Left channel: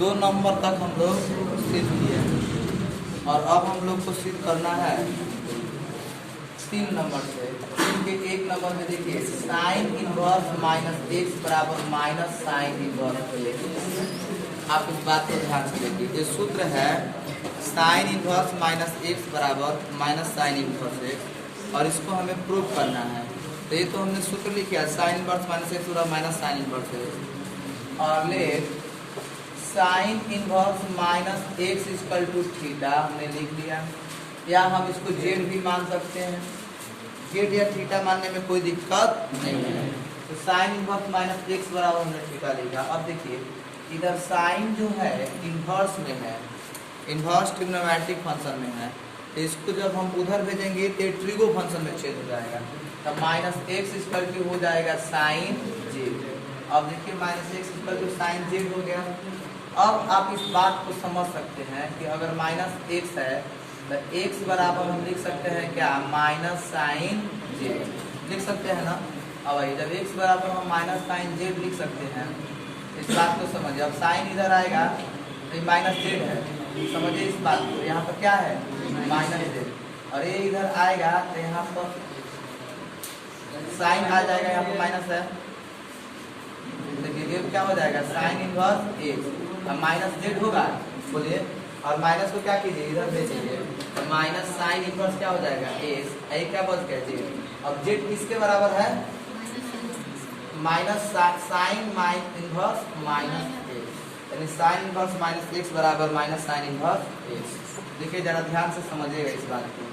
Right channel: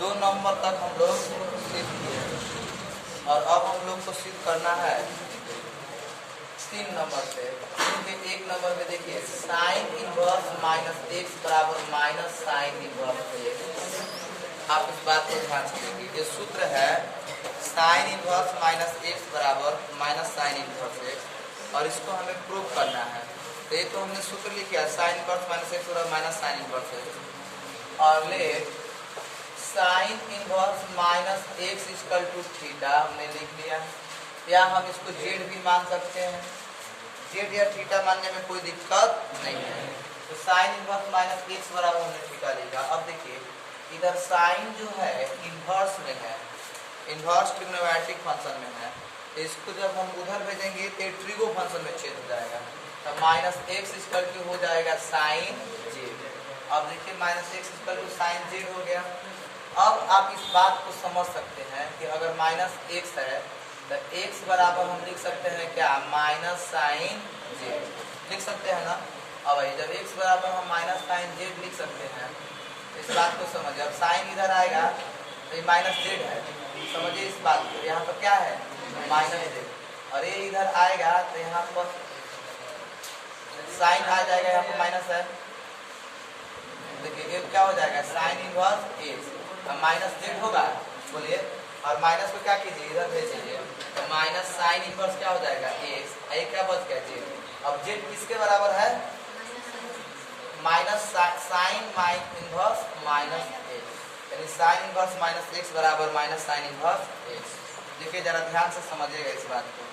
2 number तक हम लोग सिद्ध किए और अब हम लोग को सिद्ध करना है 3 नंबर से। क्योंकि 1 नंबर में देखिए साइन इनवर्स माइनस एक्स बराबर माइनस साइन इनवर्स एक्स। आप इस बात को ध्यान से देखिए, ये सूत्र है साइन इनवर्स माइनस एक्स बराबर माइनस साइन इनवर्स एक्स और इसको हमें प्रूव करना है। तो ये तो हमने सूत्र लिख दिया साइन इनवर्स माइनस एक्स बराबर माइनस साइन इनवर्स एक्स और ले sine inverse minus x equal to theta हमने लिख लिया, या हम इसको जेड भी मान सकते हैं। जेड या थीटा मानने में कोई दिक्कत नहीं है। तो साइन इनवर्स माइनस एक्स बराबर हमने थीटा लिखा। अब देखिए इधर साइन जो है इनवर्स में है, इनवर्स ट्रिग्नोमेट्रिक फंक्शन में है, तो इसको जब हम उधर भेजेंगे तो ट्रिगो फंक्शन में छेद हो जाएगा। तब माइनस एक्स इक्वल टू हो जाएगा साइन जेड। अब देखिए minus x equal to sine z हो गया। अब आप इस बात को समझ सकते हैं कि अगर माइनस एक्स है तो एक्स बराबर हम लिख सकते हैं क्या, माइनस साइन जेड लिख सकते हैं ना। अब भाई जब एक्स बराबर हम माइनस साइन जेड लिख सकते हैं, इस बात को समझिए। अब साइन इधर आएगा तो ये माइनस जेड है, समझिए इस बात को। यहाँ पर क्या है, माइनस जेड, और ये इधर आएगा तो यहाँ पर साइन आ जाएगा, यहाँ पर माइनस है। देखिए ये क्या हो जाएगा, साइन इनवर्स एक्स। अब माइनस जेड होगा, बोलिए, और माइनस को क्या कीजिए, इधर भेजिए, तो माइनस साइन इनवर्स क्या हो जाएगा एक्स, ये क्या बच गया जेड। अब जेड किसके बराबर है, minus sine inverse minus x, यानी साइन इनवर्स माइनस एक्स बराबर माइनस साइन इनवर्स एक्स। देखिए जरा ध्यान से समझिएगा इस बात को।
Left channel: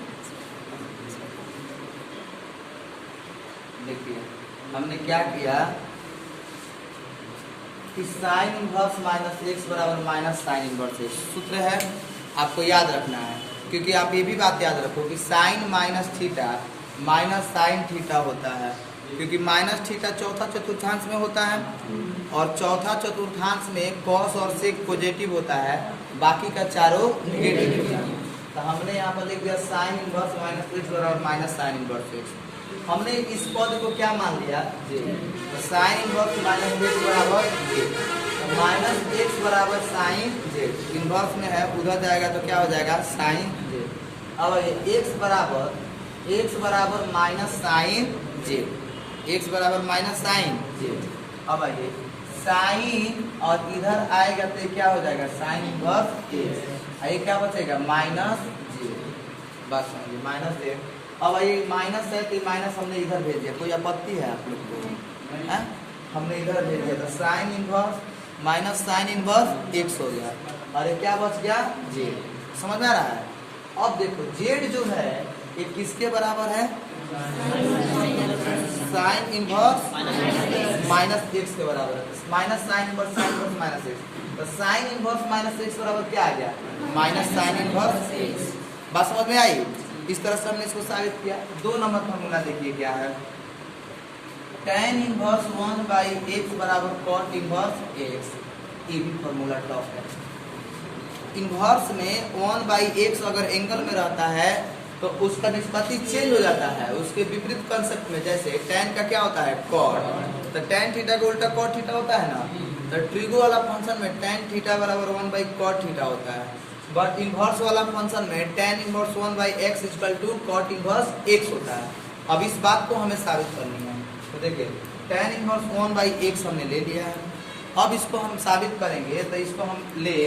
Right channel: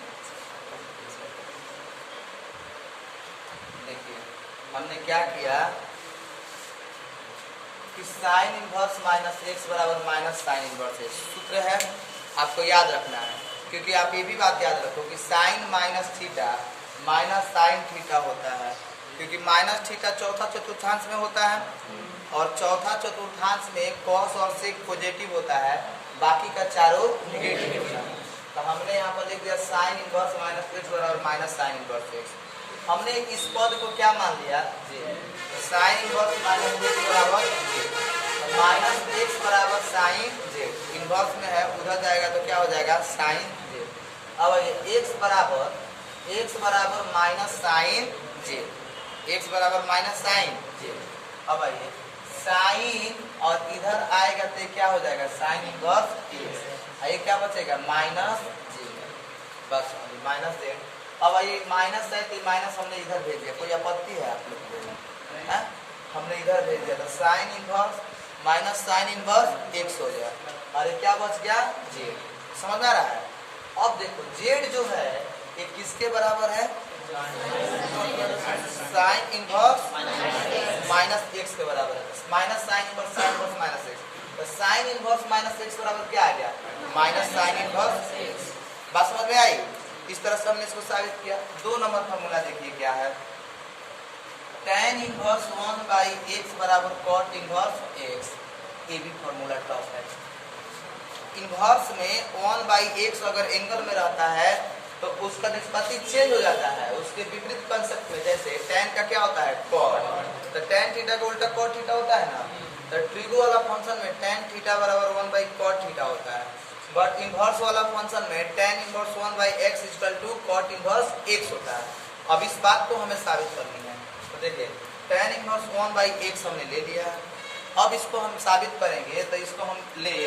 देखिए हमने क्या किया कि साइन इनवर्स माइनस एक्स बराबर माइनस साइन इनवर्स एक्स सूत्र है, आपको याद रखना है। क्योंकि आप ये भी बात याद रखो कि sine minus theta minus sine theta होता है, क्योंकि माइनस थीटा चौथा चतुर्थांश में होता है और चौथा चतुर्थांश में कॉस और सेक पॉजिटिव होता है, बाकी का चारों नेगेटिव। तो हमने यहाँ पर लिख दिया साइन इनवर्स माइनस एक्स बराबर माइनस साइन इनवर्स एक्स। हमने इस पद को क्या मान लिया, जे। तो साइन इनवर्स माइनस एक्स बराबर जे, माइनस एक्स बराबर साइन जेड। इनवर्स में है, उधर जाएगा तो क्या हो जाएगा, साइन जेड। अब एक्स बराबर माइनस साइन जेड, एक्स बराबर माइनस साइन जेड। अब आइए साइन और इधर आएगा तो क्या हो जाएगा, साइन इनवर्स एक्स, ये क्या बचेगा, माइनस जेड। बस समझिए माइनस जेड। अब ये माइनस है तो माइनस हमने इधर भेज दिया, कोई आपत्ति है आप लोग को, है? हमने इधर भेज दिया तो sign inverse minus sine inverse x हो गया, और ये क्या बच गया, जेड। समझ में आ रहा है। अब देखो जेड जो है ये किसके बराबर है, साइन इनवर्स माइनस एक्स के बराबर है। Minus sine inverse minus x, तो साइन इनवर्स माइनस एक्स बराबर क्या आ गया, माइनस साइन इनवर्स एक्स। बात समझ में आई। इस तरह से हमने इसको साबित किया। 2 नंबर फॉर्मूला देखिए क्या है, tan इनवर्स 1 बाई एक्स बराबर cot इनवर्स एक्स। ये भी फॉर्मूला टफ है। इनवर्स में 1 बाई एक्स अगर एंगल में रहता है तो उसका निष्पत्ति चेंज हो जाता है उसके विपरीत कंसेप्ट में। जैसे tan का क्या होता है, cot, तो tan थीटा का उल्टा cot थीटा होता है ना। तो ट्रिगो वाला फंक्शन में tan थीटा बराबर 1 बाई cot थीटा होता है, बट इनवर्स वाला फंक्शन में tan inverse 1 by x equal to cot inverse x होता है। अब इस बात को हमें साबित करनी है। तो देखिए tan इनवर्स 1 बाई एक्स हमने ले लिया है। अब इसको हम साबित करेंगे तो इसको हम ले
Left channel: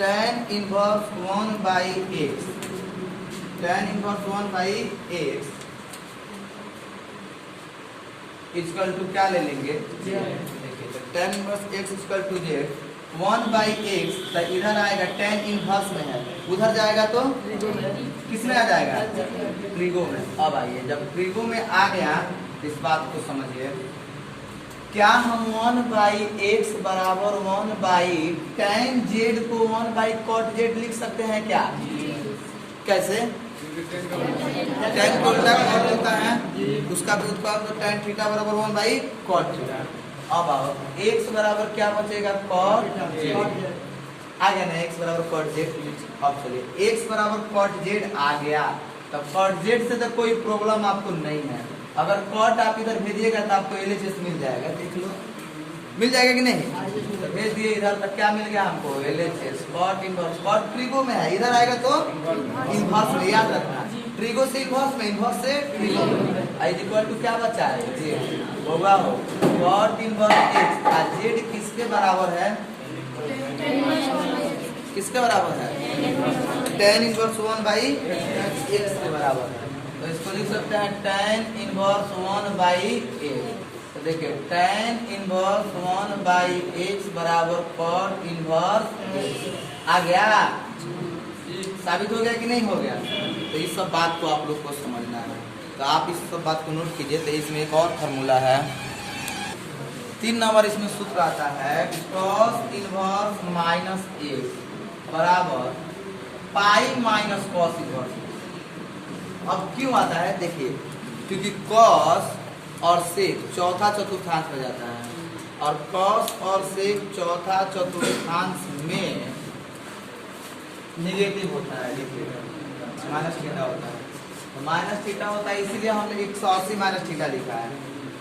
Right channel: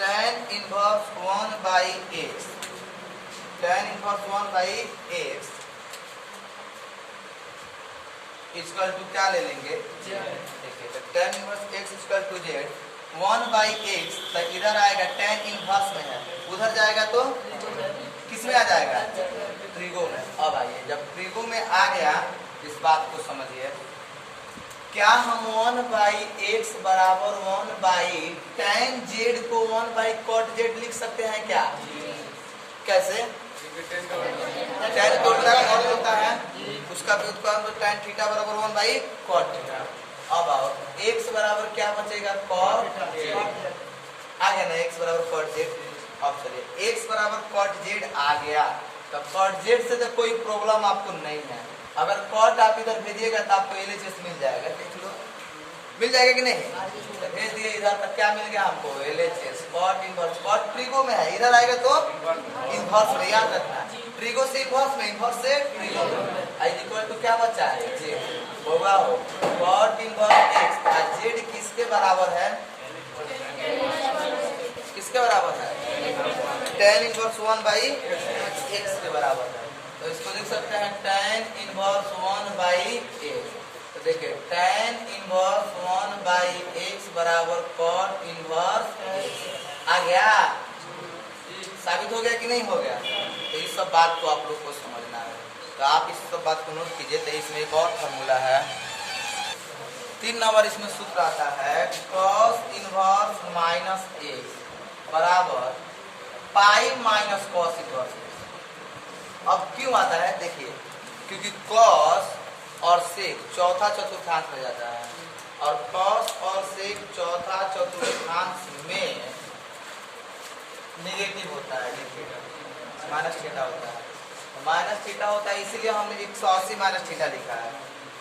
tan inverse 1 by x, tan inverse 1 by x equal to क्या ले लेंगे, देखिए तो tan inverse x equal to z 1 by x, तो इधर आएगा tan इनवर्स में है, उधर जाएगा तो किस में आ जाएगा, ट्रिगो में। अब आइए जब ट्रिगो में आ गया इस बात को समझिए, क्या हम 1 बाई एक्स बराबर 1 बाई tan जेड को 1 बाई cot जेड लिख सकते हैं क्या, कैसे, tan को उल्टा cot होता है, उसका व्युत्पन्न tan थीटा बराबर 1 बाई cot थीटा। अब आओ x बराबर क्या बचेगा, cot जेड आ गया ना, x बराबर cot जेड। अब चलिए x बराबर cot जेड आ गया, तो cot जेड से तो कोई प्रॉब्लम आपको नहीं है। अगर cot आप इधर भेजिएगा तो आपको LHS मिल जाएगा, देख लो मिल जाएगा कि नहीं? तो भेज दिए इधर तक, क्या मिल गया हमको? LHS cot inverse. Cot trigo में है, इधर आएगा तो इनवर्स में, याद रखना। ट्रिगो से इनवर्स में, इनवर्स से ट्रिगो में। आई इक्वल टू क्या बचा है? जेड होगा हो कॉट इनवर्स एक्स। और जेड किसके बराबर है? किसके बराबर है? tan इनवर्स 1/x के बराबर है। तो इसको लिख सकते हैं tan इनवर्स 1/x। तो देखिए tan इनवर्स 1/x बराबर cot इनवर्स x आ गया। साबित हो गया कि नहीं हो गया? तो इस सब बात को आप लोग को समझना है, तो आप इस सब बात को नोट कीजिए। तो इसमें एक और फार्मूला है, 3 नंबर इसमें सूत्र आता है cos इनवर्स माइनस x बराबर पाई माइनस कॉस इनवर्स। अब क्यों आता है? देखिए, क्योंकि cos और sec चौथा चतुर्थांश हो जाता है, और cos और sec चौथा चतुर्थांश में निगेटिव होता है, माइनस थीटा होता है। तो माइनस थीटा होता है, इसीलिए हमने 180 माइनस थीटा लिखा है।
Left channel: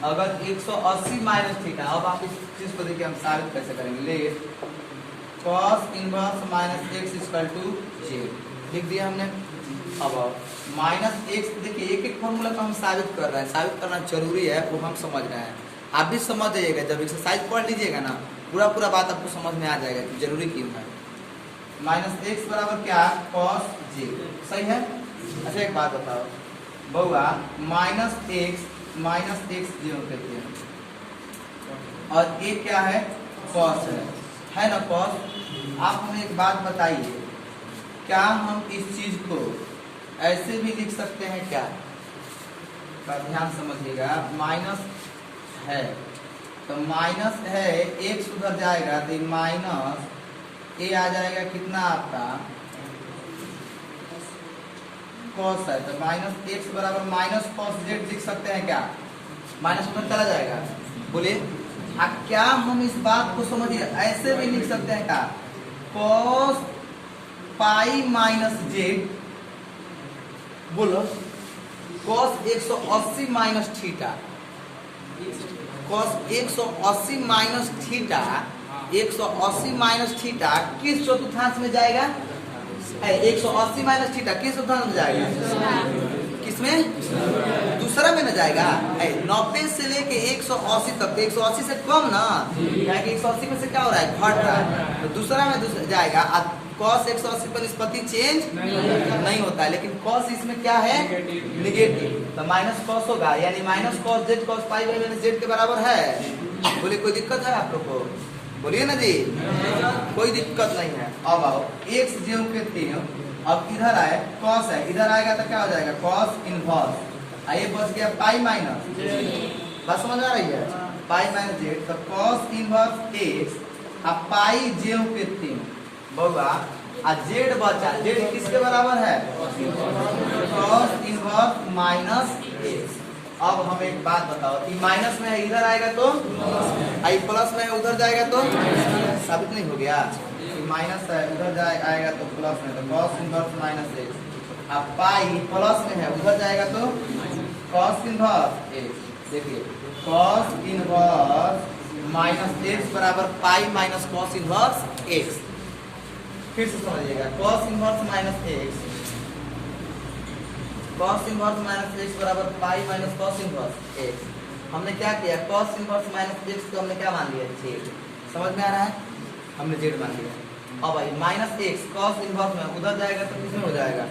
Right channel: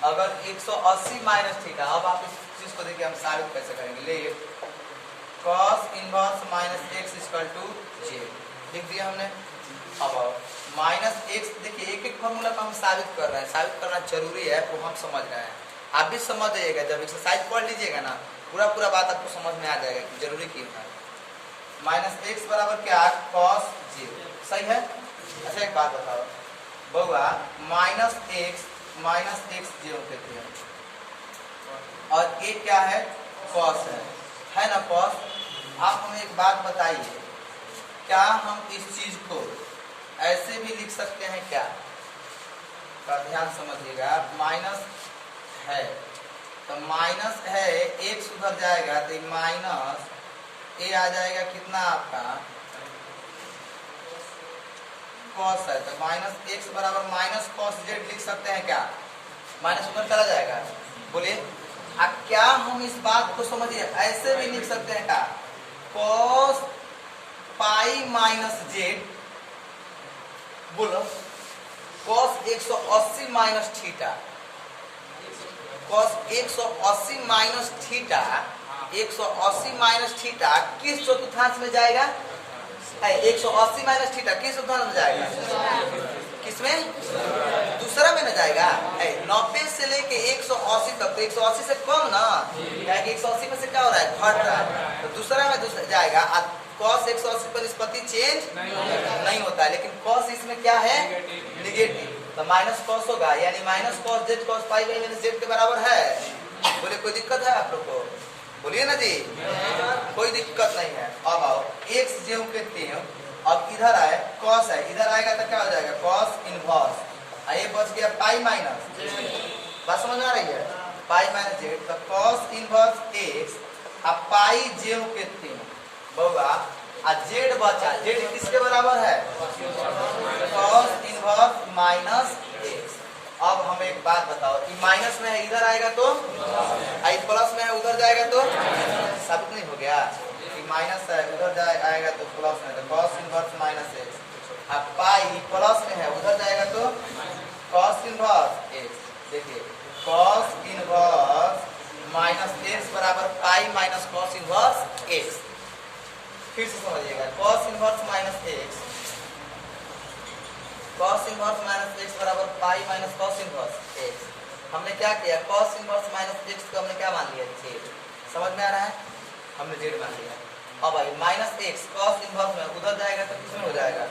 अगर 180 माइनस थीटा, अब आप इस चीज को देखिए हम साबित कैसे करेंगे। ले cos inverse minus x equal to z लिख दिया हमने। अब माइनस एक्स, देखिए एक एक फॉर्मूला को हम साबित कर रहे हैं, साबित करना जरूरी है, वो हम समझ रहे हैं। आप भी समझ जाइएगा, जब एक्सरसाइज पढ़ लीजिएगा ना, पूरा पूरा बात आपको समझ में आ जाएगा कि जरूरी क्यों है। माइनस एक्स बराबर क्या? कॉस जेड, सही है। अच्छा एक बात बताओ बउआ, माइनस एक्स जीरो कहते हैं, और ये क्या है? कॉस है ना कॉस। आप हमें एक बात बताइए, क्या हम इस चीज को ऐसे भी लिख सकते हैं क्या? का ध्यान समझिएगा, माइनस है तो माइनस है, एक सुधर जाएगा तो माइनस ए आ जाएगा, कितना आपका कॉस है, तो माइनस एक्स बराबर माइनस कॉस जेड लिख सकते हैं क्या? माइनस उधर चला जाएगा, बोलिए। क्या हम इस बात को समझिए, ऐसे भी लिख सकते हैं क्या? कॉस पाई माइनस जेड, बोलो cos 180 minus theta, cos 180 minus theta, 180 minus theta किस चतुर्थांश में जाएगा? 180 माइनस थीटा किस चतुर्थांश में जाएगा? किसमें? दूसरा में न जाएगा। 90 से लेके 180 तक, तो 180 से कम ना, क्या कि 180 में से क्या हो रहा है? घट रहा है, तो दूसरा में जाएगा। cos 180 पर निष्पत्ति चेंज नहीं होता है, लेकिन cos इसमें क्या है? निगेटिव, तो माइनस cos होगा, यानी minus cos Z cos pi by minus Z के बराबर है। बोले कोई दिक्कत है आप लोग को? बोलिए ना जी, कोई दिक्कत नहीं है। अब आओ x ज्यों के त्यों, अब इधर आए cos है, इधर आएगा तो क्या हो जाएगा? cos इनवर्स, ये बच गया पाई माइनस, बात समझ आ रही है? पाई माइनस जेड, तो cos इनवर्स x अब पाई ज्यों के त्यों बउआ, जेड बचा, जेड किसके बराबर है? cos inverse minus x. अब हम एक बात बताओ, कि माइनस में है इधर आएगा तो, आई प्लस में है उधर जाएगा तो, साबित नहीं हो गया? कि माइनस है उधर आएगा तो प्लस में, तो cos इनवर्स माइनस एक्स। अब पाई प्लस में है उधर जाएगा तो cos इनवर्स एक्स। देखिए cos इनवर्स माइनस एक्स बराबर pi minus cos inverse x. फिर से समझिएगा, cos inverse minus x, cos inverse minus x बराबर pi minus cos inverse x. हमने क्या किया? cos इनवर्स माइनस एक्स को हमने क्या मान लिया? जेड। समझ में आ रहा है? हमने जेड मान लिया। अब भाई माइनस एक्स cos इनवर्स में उधर जाएगा तो किसमें हो जाएगा?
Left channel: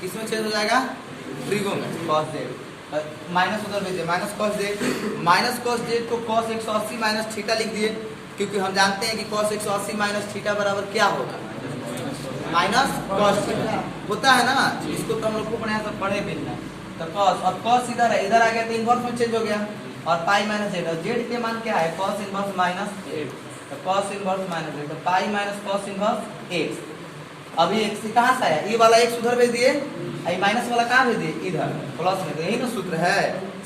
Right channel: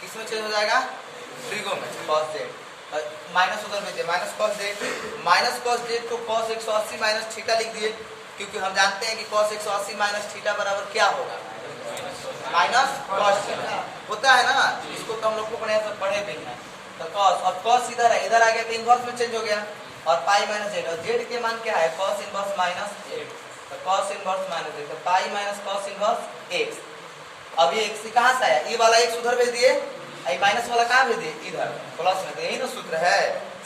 किसमें चेंज हो जाएगा? ट्रिगो में, cos जेड। माइनस उधर भेजिए, minus cos Z, minus cos Z को cos 180 माइनस थीटा लिख दिए, क्योंकि हम जानते हैं कि cos 180 माइनस थीटा बराबर क्या होगा? माइनस cos थीटा होता है ना, इसको तो हम लोग को बढ़िया से पढ़े भी हैं। तो cos, और cos इधर है, इधर आ गया तो इनवर्स में चेंज हो गया, और पाई माइनस जेड, और जेड के मान क्या है? cos इनवर्स माइनस एक्स, तो cos इनवर्स माइनस जेड, तो पाई माइनस cos इनवर्स एक्स। अब ये एक्स कहाँ से आया? ये वाला एक्स उधर भेज दिए, माइनस वाला कहाँ भेज दिए? इधर प्लस में, तो यही ना सूत्र है,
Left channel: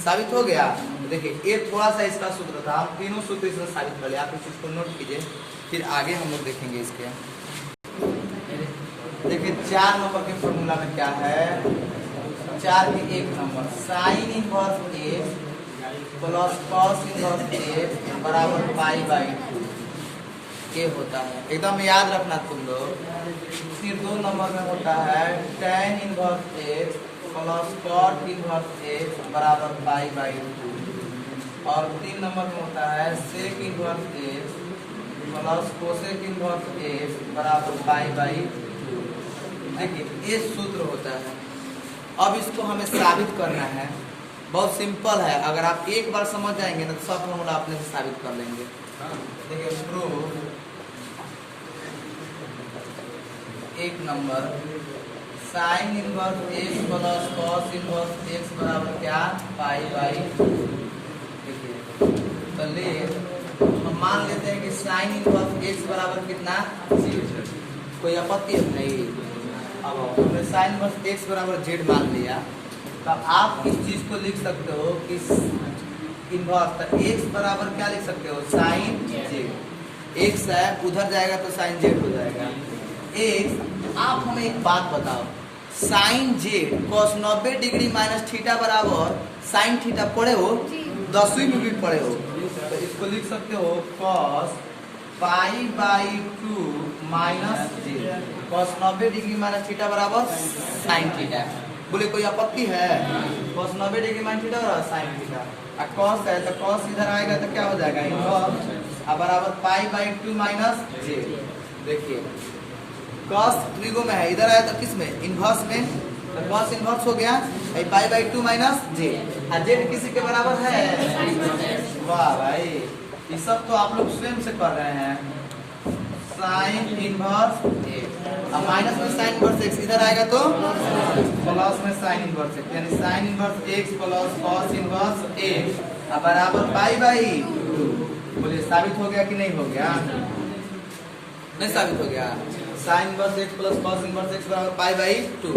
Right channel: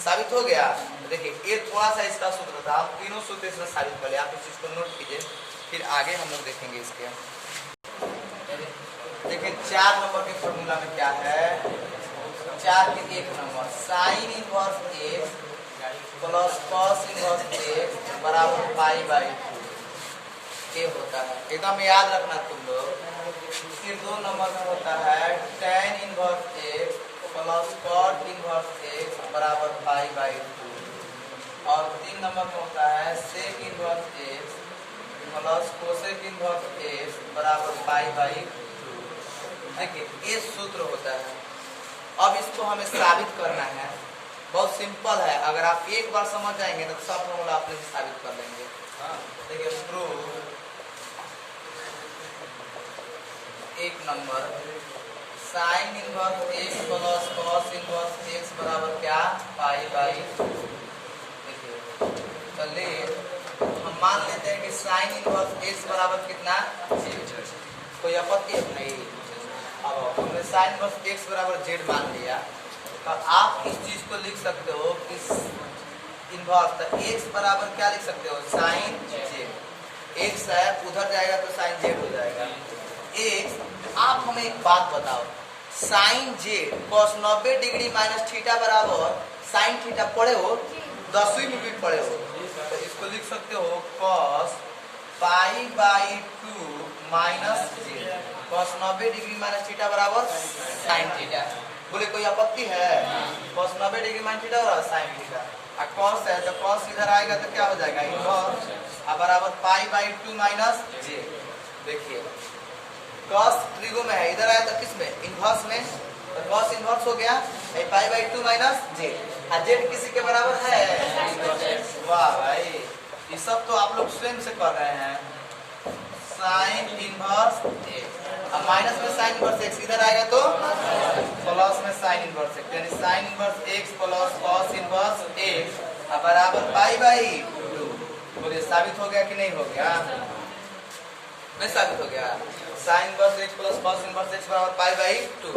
साबित हो गया। तो देखिए ये थोड़ा सा इसका सूत्र था, हम तीनों सूत्र इसमें साबित कर लिया। आप इस चीज को नोट कीजिए, फिर आगे हम लोग देखेंगे इसके। देखिए 4 नंबर के फॉर्मूला में क्या है? 4 के 1 number, sign inverse x plus cos inverse x बराबर पाई बाई 2 ये होता है। एकदम याद रखना तुम लोग। फिर 2 नंबर में होता है tan inverse x plus cot inverse x बराबर पाई बाई 2 और 3 नंबर में होता है sec inverse x plus cosec inverse x बराबर पाई बाई 2। देखिए ये सूत्र होता है। अब इसको हमें साबित करना है। बहुत सिंपल है, अगर आप एक बार समझ जाएंगे तो सब फॉर्मूला अपने से साबित कर लेंगे। देखिए proof 1 number sign inverse x plus cos inverse x बराबर क्या पाई बाई। देखिए तो ले हम मान लेते हैं कि साइन इनवर्स एक्स बराबर कितना, कोई आपत्ति नहीं। अब हमने साइन इनवर्स एक्स बराबर जेड मान लिया तो आप इस चीज को लिख सकते हो कि इनवर्स तो एक्स बराबर क्या लिख सकते हो साइन जेड। एक्स है उधर जाएगा तो साइन जेड हो जाएगा। एक्स आप हमें एक बात बताओ, sine z cos 90 degree minus theta बराबर साइन थीटा पढ़े हो, 10वीं में भी पढ़े हो, तो इसको लिख सकते हो cos pi by 2 minus Z cos 90 degree minus theta बराबर साइन थीटा। बोले कोई आपत्ति है? cos 90 डिग्री माइनस थीटा बराबर साइन थीटा। अब cos है तो cos इधर आएगा तो क्या हो जाएगा इनवर्स अब बराबर पाई बाई 2 माइनस जेड। देखिए cos त्रिगो में है, इधर आया तो किस में इनवर्स में, तो cos इनवर्स हो गया पाई बाई 2 माइनस जेड। जेड किसी के बराबर है? वाह भाई, ये सब तो आप लोग स्वयं से कर रहे हैं। साइन इनवर्स एक्स अब माइनस में साइन इनवर्स एक्स इधर आएगा तो प्लस में साइन इनवर्स एक्स, यानी sign inverse x plus cos inverse x अब बराबर पाई बाई 2। बोलिए साबित हो गया कि नहीं हो गया? नहीं साबित हो गया। Sign inverse x plus cos inverse x बराबर पाई बाई 2।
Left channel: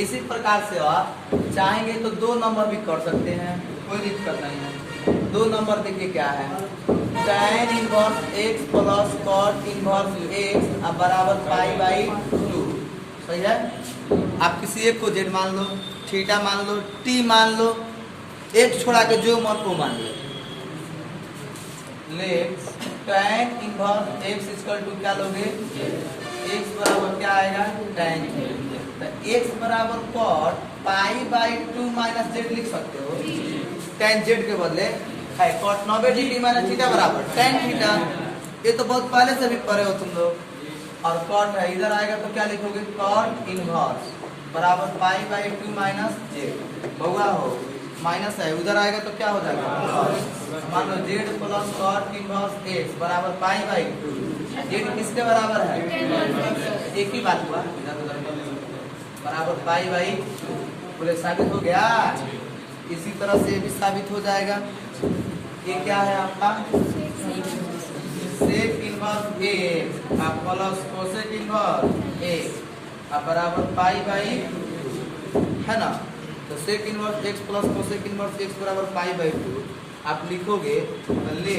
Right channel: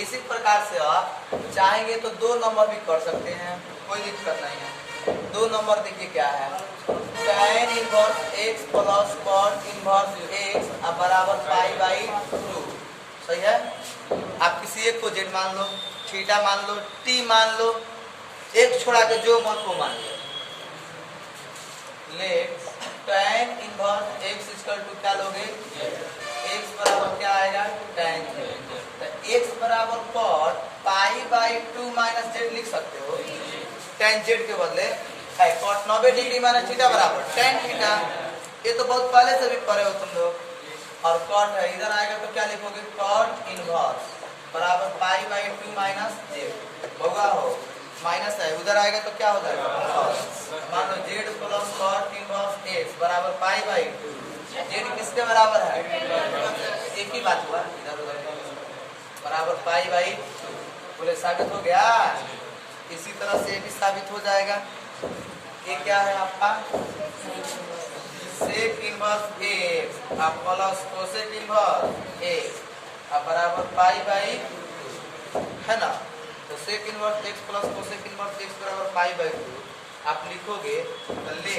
इसी प्रकार से आप चाहेंगे तो 2 नंबर भी कर सकते हैं, कोई दिक्कत नहीं है। 2 नंबर देखिए क्या है, tan inverse x plus cot inverse x अब बराबर पाई बाई 2। सही है। आप किसी एक को जेड मान लो, थीटा मान लो, टी मान लो, एक छोड़ा के जो मन को मान लो। Let tan inverse x equal to क्या लोगे, एक्स बराबर क्या आएगा tan जेड। तो एक्स बराबर cot pi by 2 minus z लिख सकते हो। tan जेड के बदले है कॉट 90 डिग्री माइनस थीटा बराबर tan थीटा। ये तो बहुत पहले से भी पढ़े हो तुम लोग। और कॉट है इधर आएगा तो क्या लिखोगे कॉट इनवर्स बराबर पाई बाई 2 माइनस जेड। बउआ हो माइनस है उधर आएगा तो क्या हो जाएगा, मान लो z plus cot inverse x बराबर पाई बाई 2। जेड किसके बराबर है? एक ही बात हुआ, इधर उधर बराबर पाई बाई 2। बोले साबित हो गया। इसी तरह से ये भी साबित हो जाएगा। ये क्या है आपका sec inverse x plus cosec inverse x अब बराबर पाई बाई 2 है ना। तो sec inverse x plus cosec inverse x बराबर पाई बाई 2 आप लिखोगे तो ले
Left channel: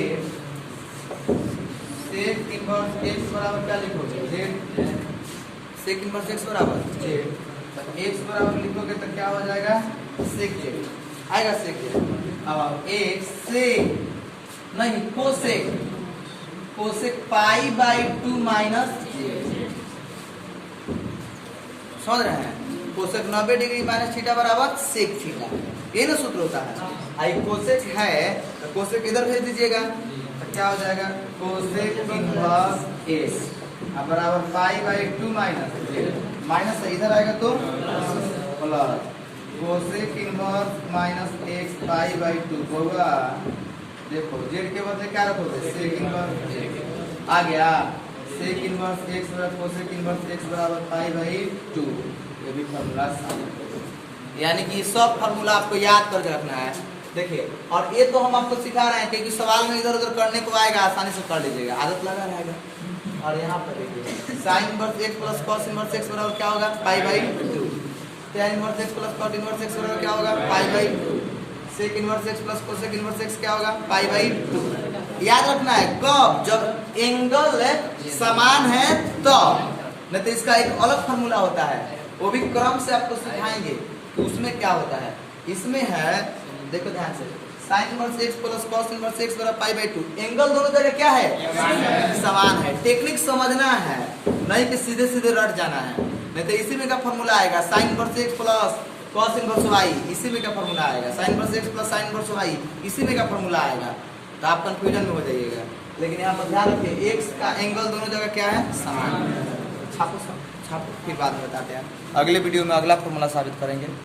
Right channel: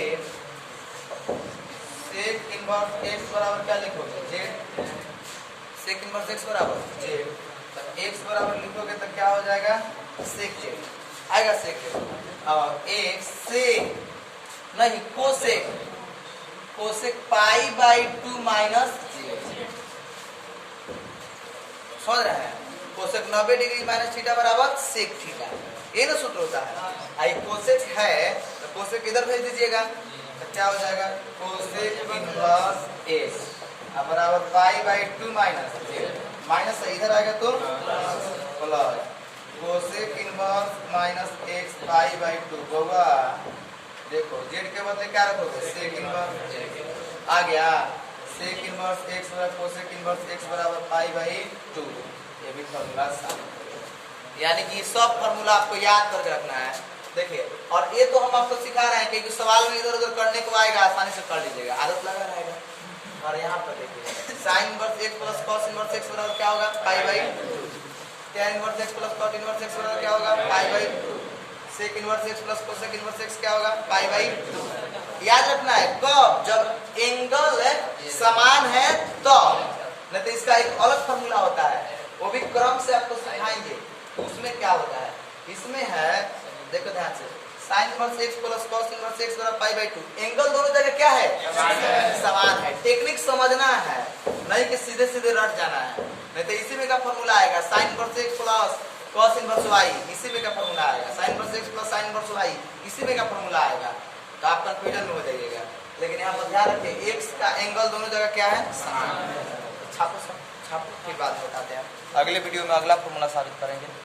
सेक इनवर्स एक्स बराबर क्या लिखोगे जेड, सेक इनवर्स एक्स बराबर जेड। तो एक्स बराबर लिखोगे तो क्या हो जाएगा सेक जेड आएगा, सेक जेड। अब एक्स सेक नहीं cosec, cosec pi by 2 minus Z. समझ रहे हैं? कोसेक 90 डिग्री माइनस थीटा बराबर सेक थीटा, ये ना सूत्र होता है। आई कोसेक है तो कोसेक इधर भेज दीजिएगा तो क्या हो जाएगा कोसेक इनवर्स एक्स अब बराबर pi by 2 minus Z. Minus इधर आएगा तो plus cosec inverse minus x pi by 2 होगा। देखो जेड के बदले क्या रखोगे सेक इनवर्स एक्स आ गया। सेक इनवर्स एक्स बराबर कोसेक इनवर्स एक्स बराबर पाई बाई 2। ये भी फॉर्मूला शामिल, यानी कि सब फॉर्मूला आपको याद कर रखना है। देखिए और ये तो हम आपको सिखा रहे हैं क्योंकि सवाल में इधर उधर करने को आएगा, आसानी से कर लीजिएगा, आदत लगा रहेगा। और यहाँ पर देखिए sine inverse x plus cos inverse x बराबर क्या होगा pi by 2। tan inverse x plus cot inverse x बराबर क्या होगा pi by 2। Sec inverse x plus cosec inverse x क्या होगा पाई बाई 2। याद रखना है कब, जब एंगल समान है तो, नहीं तो इसका एक अलग फॉर्मूला होता है, वो भी क्रम से आपको सिखाएंगे। तो उसमें क्या होता है, इसमें है देखो ध्यान से sign inverse x plus cos inverse x बराबर पाई बाई 2। एंगल दोनों जगह क्या है? समान है। टेक्निक समझना है, नहीं कि सीधे सीधे रट जाना है। नहीं तो इसी में का फॉर्मूला आएगा sine inverse x plus cos inverse y, इसी में का फॉर्मूला आएगा sine inverse x plus sine inverse y, इसी में का फॉर्मूला आएगा। तो आप कंफ्यूजन में हो जाइएगा। लेकिन यहाँ पर ध्यान रखिए एक्स का एंगल दोनों जगह क्या है? समान। छापो फिर बाद में बताते हैं। अगले वीडियो में अगला फॉर्मूला साबित करेंगे।